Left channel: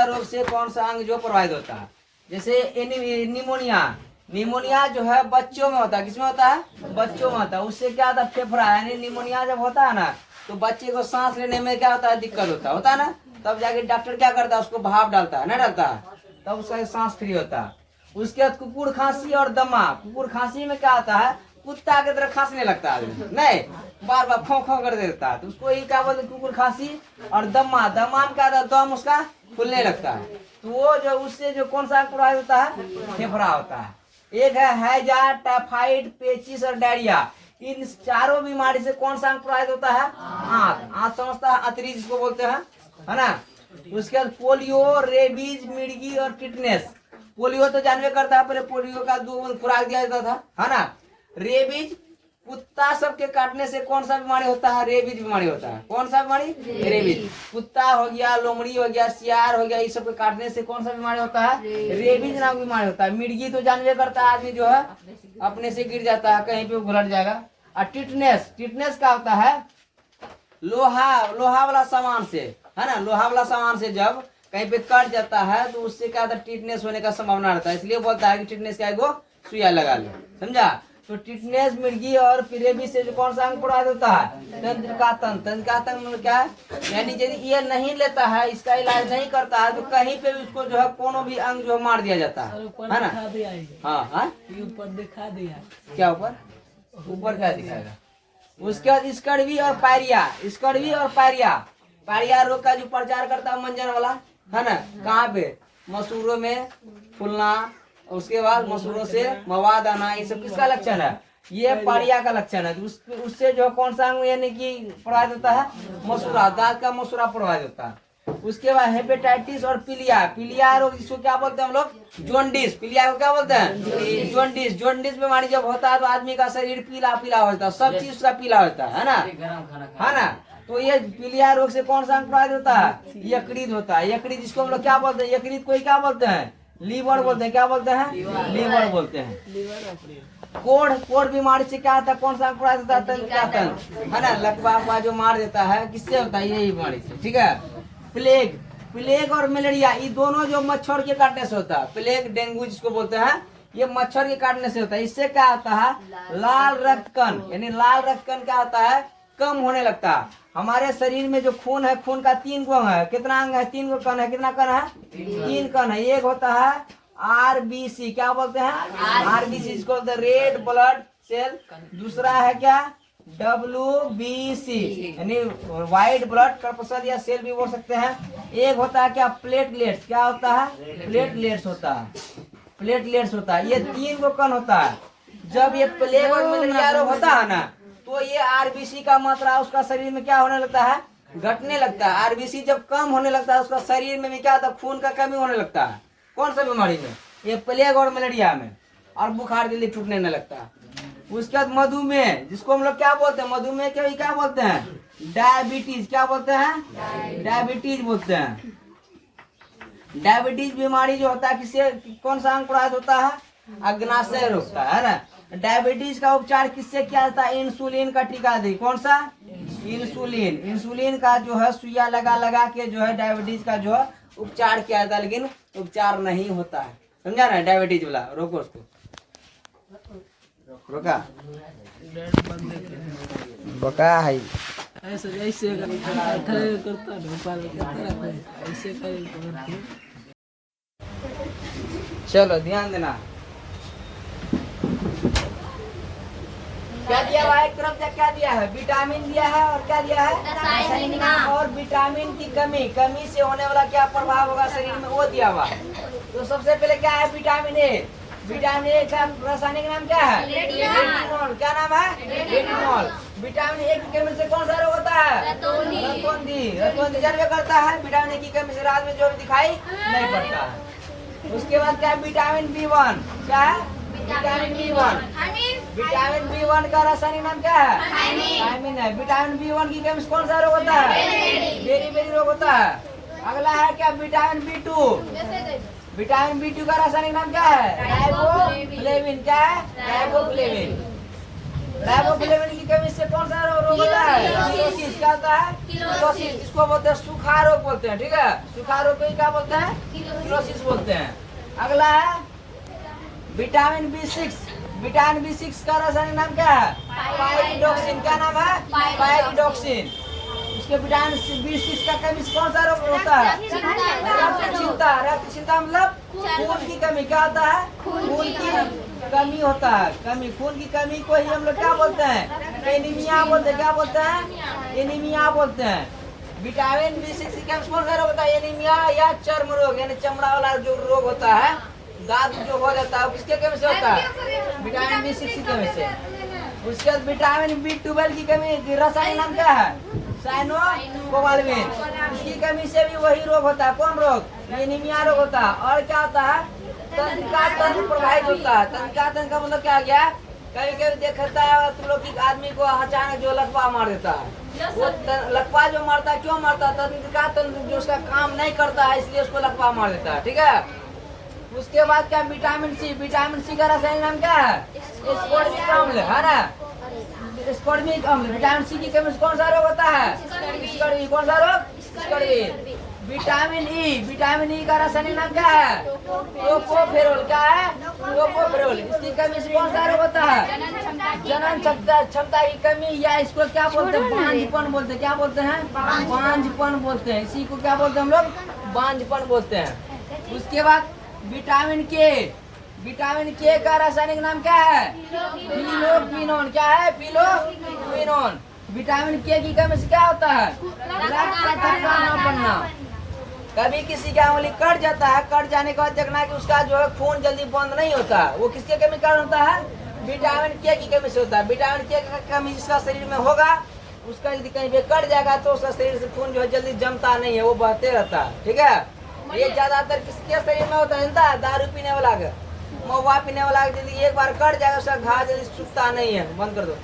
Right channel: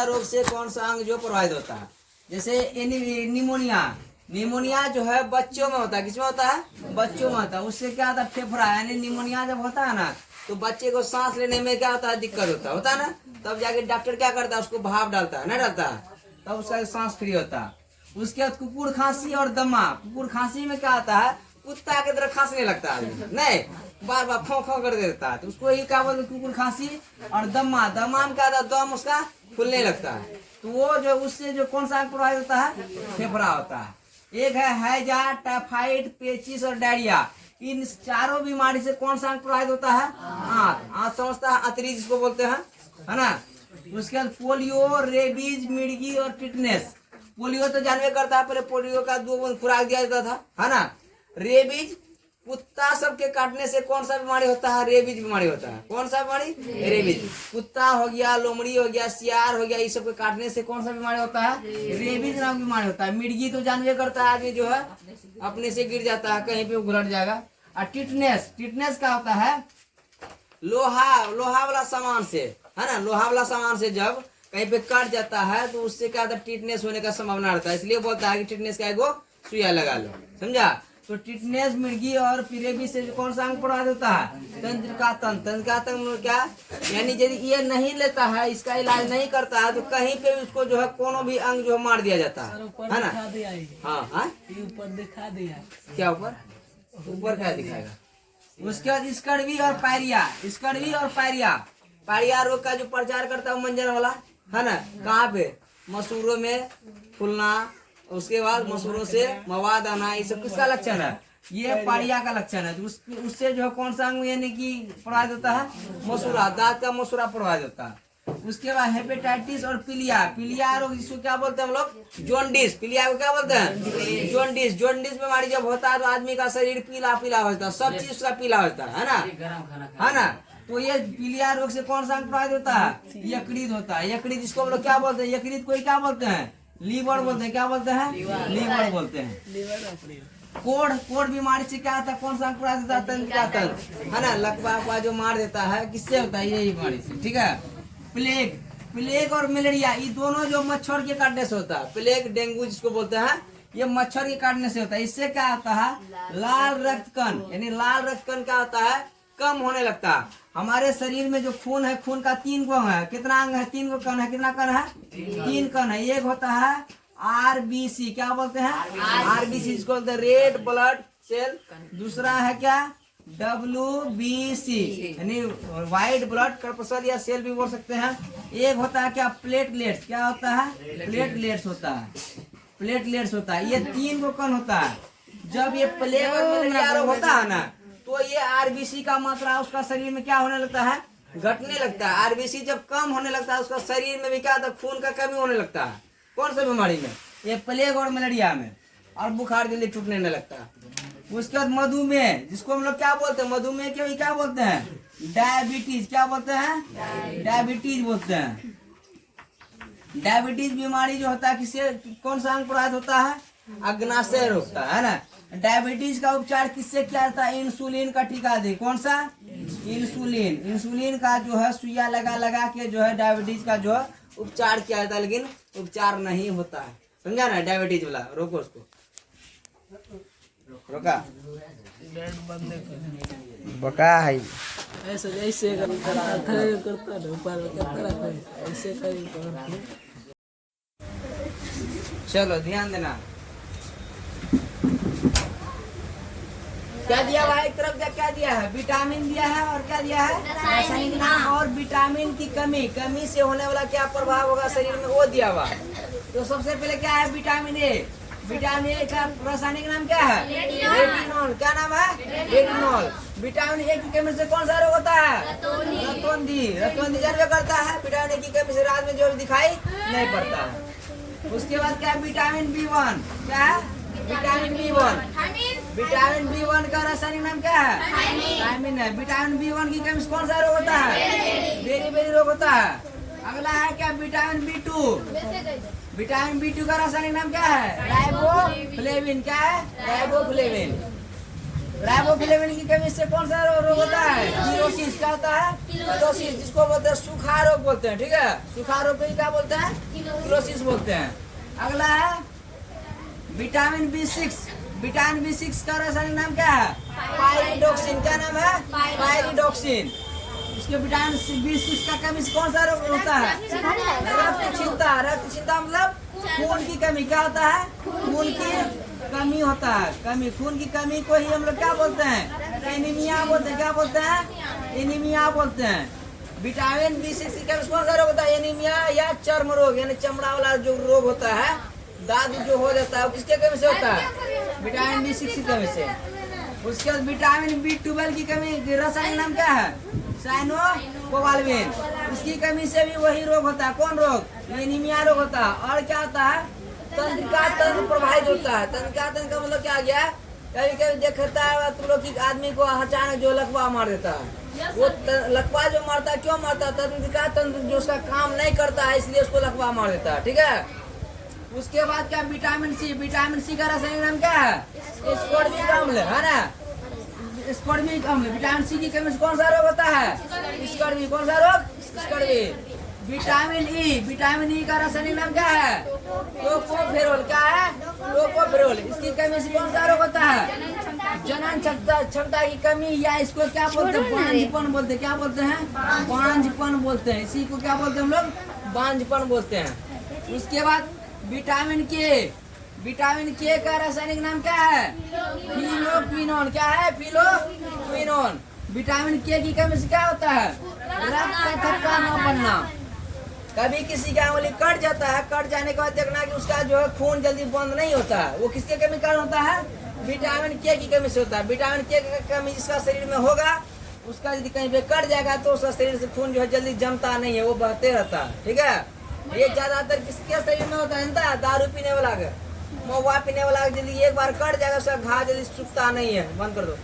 सा रोग से कौन सा अंग जो प्रभावित होता है। जैसे निमोनिया, निमोनिया जो है बच्चों में होता है। किसमें होता है? बच्चों में होता है। उससे क्या होता है? फेफड़ा, यानी निमोनिया जब होता है ना तो बच्चे को सांस लेने में क्या होता है? दिक्कत होता है ना। तब जाके डॉक्टर क्या करता है? उसको भाप डालता है, ना डालता है, तब उसका सांस फ्री होता है। उसके बाद कुकुर खांसी और दमा। कुकुर खांसी में क्या होता है? कुत्ता की तरह खांसने लगता है, नहीं बार बार खो खो कर देता है, तो उसको ये क्या बोलते हैं? कुकुर खांसी। और दमा, दमा में क्या होता है? दम उसका खुलने लगता है। तो वो जो उससे जो कौन सा प्रभावित होता है? फेफड़ा होता है। एक है हैजा, टाइफाइड, पेचिस और डायरिया। इन चारों बीमारी से कौन सा प्रभावित होता है? आंत। आंत समझता है? अतरी जिसको बोलते हैं, है ना। उसके बाद पोलियो, रेबीज, मिर्गी और टिटनेस। पोलियो तो जानवे करता है, पहले पोलियो का 2 खुराक दिया जाता था, है ना। रेबीज, कुत्ता सबके काटने से कौन सा बीमारी होता है? रेबीज बीमारी होता है। कौन सा बीमारी? रेबीज। कुत्ता हो गया, लोमड़ी हो गया, सियार हो गया, इस सब के काटने से कौन सा बीमारी होता है? रेबीज नाम की बीमारी होता है। मिर्गी तो जानवे करता है, आदमी जो है अपने से गिर जाता है, कहीं पे घुलट जाएगा। और टिटनेस, टिटनेस का होता है लोहा वाला सामान से, है ना, लोहा वाला सामान से जब कहीं पे कट जाता है तो उससे क्या होता है? टिटनेस होने का संभावना रहता है। इसलिए बोलता है कि टिटनेस का एगो सुइया लगा लो, समझा। तो टिटनेस, मिर्गी और रेबीज से कौन सा अंग प्रभावित होता है? तंत्रिका तंत्र। तंत्रिका तंत्र में क्या, यानी यदि ये नहीं लेता है, इसका इलाज नहीं करता है, तो कहीं पे उसको जो है कोनो भी अंग जो मार दिया जाता है ना। हाँ हाँ, ऊपर दिखा दिया। क्या ऊपर? ऊपर क्या दिखाएगा? उसके बाद स्कर्वी और पायरिया। स्कर्वी और पायरिया, पायरिया रोग का जो प्रचार करता है मंजन वाला, है ना। कहाँ पे? मसूरों में फूलना, उसके बाद मसूरों से मवाद आना, ये सब किसका लक्षण है? ये पायरिया का लक्षण है। उससे जो है कौन सा अंग यानी कि प्रभावित होता है? मसूरा, दांत का मसूरा प्रभावित होता है। उसके बाद हेपेटाइटिस और पीलिया। पीलिया रोग जिसको क्या बोलते हैं हम लोग? जॉन्डिस। पीलिया को क्या बोलते हैं? जॉन्डिस। जॉन्डिस बीमारी जब होता है तो आदमी का शरीर पीला पीला होता है, सब चीज का पीला होता है ना, है ना। तो ये पीलिया रोग से कौन सा अंग प्रभावित होता है? यकृत होता है। यकृत जिसको हम लोग क्या बोलते हैं? यकृत कोई क्या बोलते हैं? लीवर बोलते हैं। क्या बोलते हैं? लीवर बोलते हैं। कोढ़, कोढ़ बीमारी से क्या होता है? कौन सा अंग प्रभावित होता है? तंत्रिका तंत्र, है ना। लकवा जो मार देता है, किससे होता है? यही बीमारी से, ठीक है। प्लेग, प्लेग और मलेरिया, ये दोनों जो मच्छर के काटने से होता है। प्लेग, डेंगू जिसको बोलते हैं, ये मच्छर के काटने से होता है। इससे क्या होता है? लाल रक्त कण, यानी लाल रक्त कण क्या होता है? कम होने लगता है। हमारे शरीर में जो खून है, खून का 3 गो है। कितना अंग है? 3 गो कण है। कितना कण है? 3 कण है। एक होता है आरबीसी, क्या बोलते हैं? आरबीसी जिसको बोलते हैं रेड ब्लड सेल। दूसरा है क्या? WBC, यानी व्हाइट ब्लड कर्पसल या सेल भी बोल सकते हैं। एक होता है क्या? प्लेटलेट्स। क्या होता है? प्लेटलेट्स होता है। प्लेटलेट्स होता है। ये 3 गो कण होता है। जब ये प्लेग और मलेरिया रोग होता है ना, तो ये आरबीसी का मात्रा उसका शरीर में क्या होने लगता है? घटने लगता है। आरबीसी जब कम होने लगता है, उसका शरीर में भी क्या होता है? खून का कमी होने लगता है। कौन सा बीमारी में? ये प्लेग और मलेरिया में। और बुखार जल्दी छूटने न लगता है। उसके बाद मधुमेह, जिसको हम लोग क्या बोलते हैं? मधुमेह के भी क्या बोलते हैं? डायबिटीज। क्या बोलते हैं? डायबिटीज बोलते हैं। डायबिटीज बीमारी जो होता है, किससे कौन सा अंग प्रभावित होता है? अग्नाशय रोकता है ना। डायबिटीज का उपचार किससे किया जाता है? इंसुलिन का टीका दी। कौन सा? इंसुलिन। इंसुलिन का जो है सुइया लगा लगा के जो है डायबिटीज का जो है उपचार किया जाता है, लेकिन उपचार नहीं होता है, समझा ना। डायबिटीज वाला रोको, उसको रोका बका है ऐसे ऐसे करता है, ऊपर ऐसे करें। चलो ध्यान देना। क्या दिया हुआ है? एक तरफ से क्या दिया है? विटामिन दिया है, और क्या दिया है? रासायनिक नाम। और विटामिन की कमी से होने वाला क्या प्रभाव होगा शरीर में, वो दिया हुआ है। तो सबसे पहले क्या है? Vitamin A. विटामिन ए का रासायनिक नाम क्या है? रेटिनॉल। क्या नाम है? रेटिनॉल। विटामिन ए की कमी से कौन सा रोग होता है? रतौंधी। रतौंधी जानवे करता है। विटामिन ए की कमी से रात में जो दिखाई नहीं पड़ता है। उसके बाद क्या है? Vitamin B1। क्या है? Vitamin B1। विटामिन B1 का रासायनिक नाम क्या है? थायमिन है। विटामिन B1 की कमी से कौन सा रोग होता है? बेरी रोग होता है। अगला है क्या? Vitamin B2। विटामिन B2 का रासायनिक नाम क्या है? राइबोफ्लेविन। क्या है? राइबोफ्लेविन। राइबोफ्लेविन की कमी से कौन सा रोग होता है? किलोसिस। क्या होता है? किलोसिस, जिसको बोलते हैं सूखा रोग बोलते हैं। ठीक है, सूखा रोग को क्या बोलते हैं? किलोसिस बोलते हैं। अगला है विटामिन B6। विटामिन B6 का रासायनिक नाम क्या है? पायरिडोक्सिन। क्या नाम है? पायरिडोक्सिन। उसके विटामिन B6 का कमी से कौन सा रोग होता है? रक्तहीनता। रक्तहीनता मतलब खून की कमी। क्या होता है? खून की कमी होता है। कमी, खून की कमी को ही हम लोग क्या बोलते हैं? एनीमिया बोलते हैं। क्या बोलते हैं? एनीमिया बोलते हैं। विटामिन B6 की कमी से कौन सा रोग होता है? एनीमिया या चर्म रोग, यानी चमड़ा वाला जो रोग होता है, दाद जो हो जाता है, वो किसके कमी से होता है? विटामिन B6 की कमी से। उसके बाद विटामिन B12 की कमी, रासायनिक नाम क्या है? साइनोकोबाल्मिन। इसकी कमी से भी वही रोग होता है। कौन रोग? एनीमिया रोग होता है। और क्या होता है? तंत्रिका तंत्र प्रभावित होता है। तंत्रिका तंत्र का मतलब क्या गया? कभी कभी देखता है तुम लोग की आदमी को अचानक जो लकवा मार देता है, वो लकवा जो मारता है, क्यों मारता है? तंत्रिका तंत्र जो उसका काम नहीं करता है, इसलिए उसको लकवा मार देता है। ठीक है, उसके बाद क्या? Vitamin C. विटामिन सी का रासायनिक नाम क्या है? स्कोर्बिक अम्ल, है ना? स्कोर्बिक अम्ल। विटामिन सी की कमी से कौन सा रोग होता है? स्कोर्बिक। कौन सा रोग? स्कोर्बिक। Vitamin E. विटामिन ई का रासायनिक नाम क्या है? टोकोफेरोल। क्या है? टोकोफेरोल। इसकी कमी से कौन सा रोग होता है? जनन क्षमता की कमी, या इसको क्या बोलते हैं? बांझपन बोलते हैं। क्या बोलते हैं? बांझपन बोलते हैं। इसी को क्या बोलते हैं हम लोग? बांझपन बोलते हैं। उसके बाद विटामिन के। विटामिन के का रासायनिक नाम क्या है? फिलोक्विनोन। क्या है? फिलोक्विनोन। विटामिन के की कमी से क्या होता है? रक्त का थक्का न बनना। कभी किसी का उंगली कट जाता है, कट जाने के बाद देखना कि उसका जो है खून जल्दी बंद नहीं होता, वो किसके कमी कारण होता है? विटामिन के की कमी से होता है। विटामिन के का कमी जिसका शरीर में होगा, उसका यदि कहीं पे कट जाएगा तो उसका शरीर से खून जो है जल्दी जमता नहीं है, वो बहते रहता है। ठीक है, ये ज्यादातर किसके शरीर में होता है? दारू पीने वाला का, महुआ पीने वाला, जल्दी एक बार कट जाएगा उसका घाव जल्दी सूखता नहीं है। बंद कर दो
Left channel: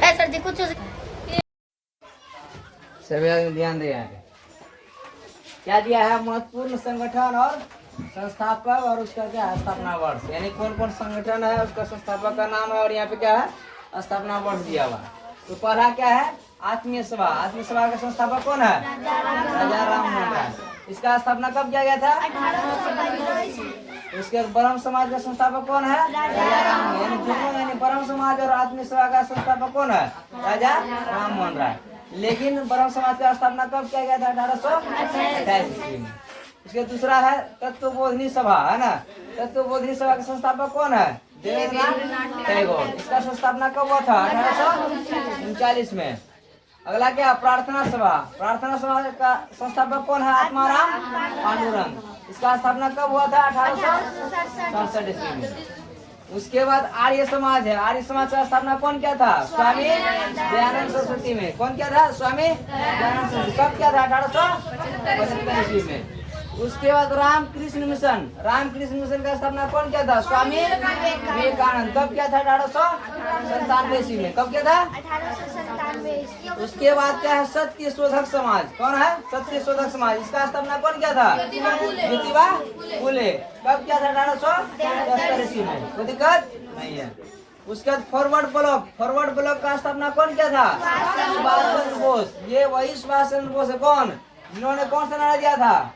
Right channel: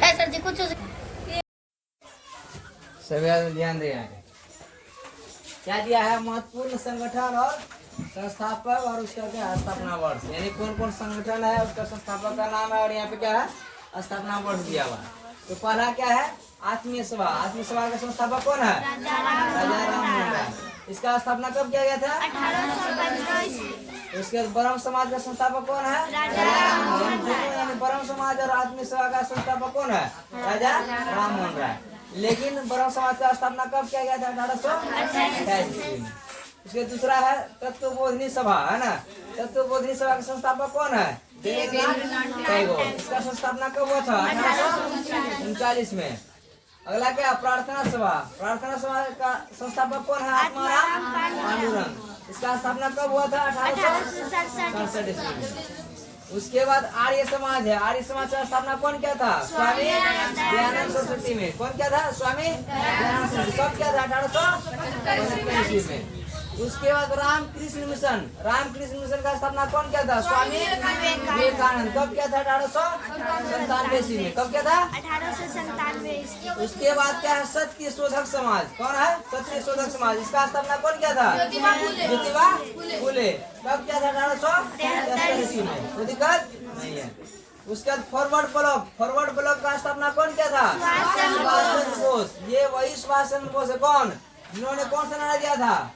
सर जी। कुछ सभी ध्यान दे। यहाँ पे क्या दिया है? महत्वपूर्ण संगठन और संस्थापक और उसका क्या है? स्थापना वर्ष, यानी कौन कौन संगठन है, उसका संस्थापक का नाम है, और यहाँ पे क्या है? स्थापना वर्ष दिया हुआ। तो पहला क्या है? आत्मीय सभा। आत्मीय सभा का संस्थापक कौन है? राजा राममोहन राय। इसका स्थापना कब किया गया था? उसके बाद ब्रह्म समाज का संस्थापक कौन है? राजा राममोहन। यानी ब्रह्म समाज और आत्मीय सभा का संस्थापक कौन है? राजा राममोहन राय। लेकिन ब्रह्म समाज का स्थापना कब किया गया था? 1828 ईस्वी में। उसके दूसरा है तत्वबोधिनी सभा, है ना? तत्वबोधिनी सभा का संस्थापक कौन है? देवेंद्रनाथ टैगोर। इसका स्थापना कब हुआ था? 1839 में। अगला क्या? प्रार्थना सभा। प्रार्थना सभा का संस्थापक कौन है? आत्माराम पांडुरंग। इसका स्थापना कब हुआ था? 1867 ईस्वी में। उसके बाद आर्य समाज है। आर्य समाज का स्थापना कौन किया था? स्वामी दयानंद सरस्वती में। कौन किया था? स्वामी दयानंद सरस्वती। कब किया था? 1875 ईस्वी में। उसके बाद रामकृष्ण मिशन। रामकृष्ण मिशन का स्थापना कौन किया था? स्वामी विवेकानंद। कब किया था? 1897 ईस्वी में। कब किया था? 1897। उसके बाद क्या है? सत्य शोधक समाज। कौन है? सत्य शोधक समाज। इसका स्थापना कौन किया था? ज्योतिबा फुले। कब किया था? 1873 ईस्वी में। कोई दिक्कत नहीं है। उसके बाद फॉरवर्ड ब्लॉक। फॉरवर्ड ब्लॉक का स्थापना कौन किया था? सुभाष चंद्र बोस। ये वही सुभाष चंद्र बोस है। कौन? जिन्होंने कौन सा नारा दिया था?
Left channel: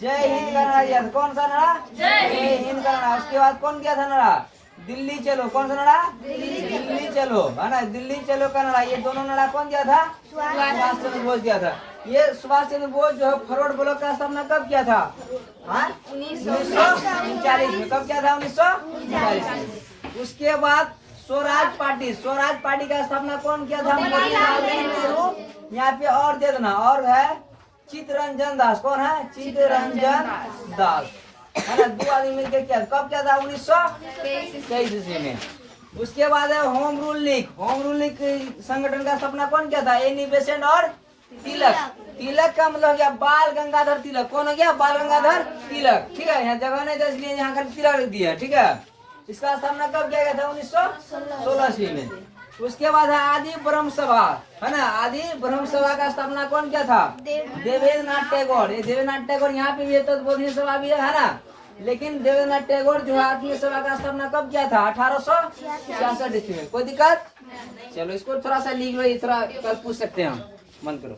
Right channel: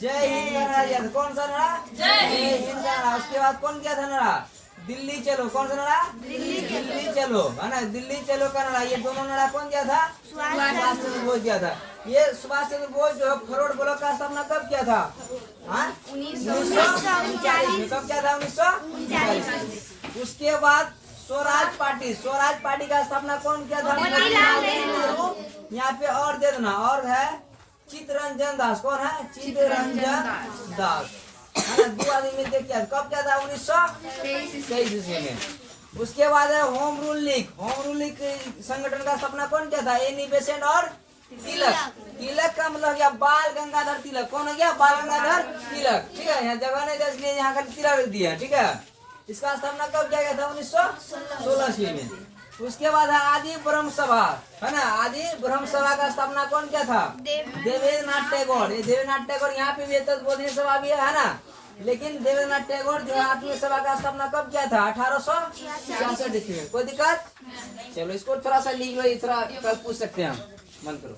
जय हिंद का नारा दिया था। कौन सा नारा? जय हिंद का नारा। उसके बाद कौन किया था नारा? दिल्ली चलो। कौन सा नारा? दिल्ली चलो, है ना? दिल्ली चलो का नारा। ये दोनों नारा कौन दिया था? सुभाष चंद्र बोस दिया था। ये सुभाष चंद्र बोस जो है फॉरवर्ड ब्लॉक का स्थापना कब किया था? 1939 में। कब किया था? 1939 में। उसके बाद स्वराज पार्टी। स्वराज पार्टी का स्थापना कौन किया था? यहाँ पे और दे देना, और है चित्तरंजन दास। कौन है? चित्तरंजन दास, है ना? दो आदमी मिलकर किया। कब किया था? 1923 ईस्वी में। उसके बाद है home rule league. Home rule league संगठन का स्थापना कौन किया था? एनी बेसेंट और तिलक। तिलक का मतलब क्या? बाल गंगाधर तिलक। कौन हो गया? बाल गंगाधर तिलक। ठीक है, यहाँ जगह नहीं था इसलिए यहाँ का तिलक रख दिया। ठीक है, इसका स्थापना कब किया गया था? 1916 ईस्वी में। उसके बाद है आदि ब्रह्म सभा, है ना? आदि ब्रह्म सभा का स्थापना कौन किया था? देवेंद्रनाथ टैगोर। ये देवेंद्रनाथ टैगोर यहाँ पे भी है, तत्वबोधिनी सभा भी है ना? लेकिन देवेंद्रनाथ टैगोर जो है आत्मीय सभा का स्थापना कब किया था? 1866 ईस्वी में। कोई दिक्कत? चलो इसको थोड़ा सा लिख लो, थोड़ा कल पूछ सकते हैं हम। मन करो।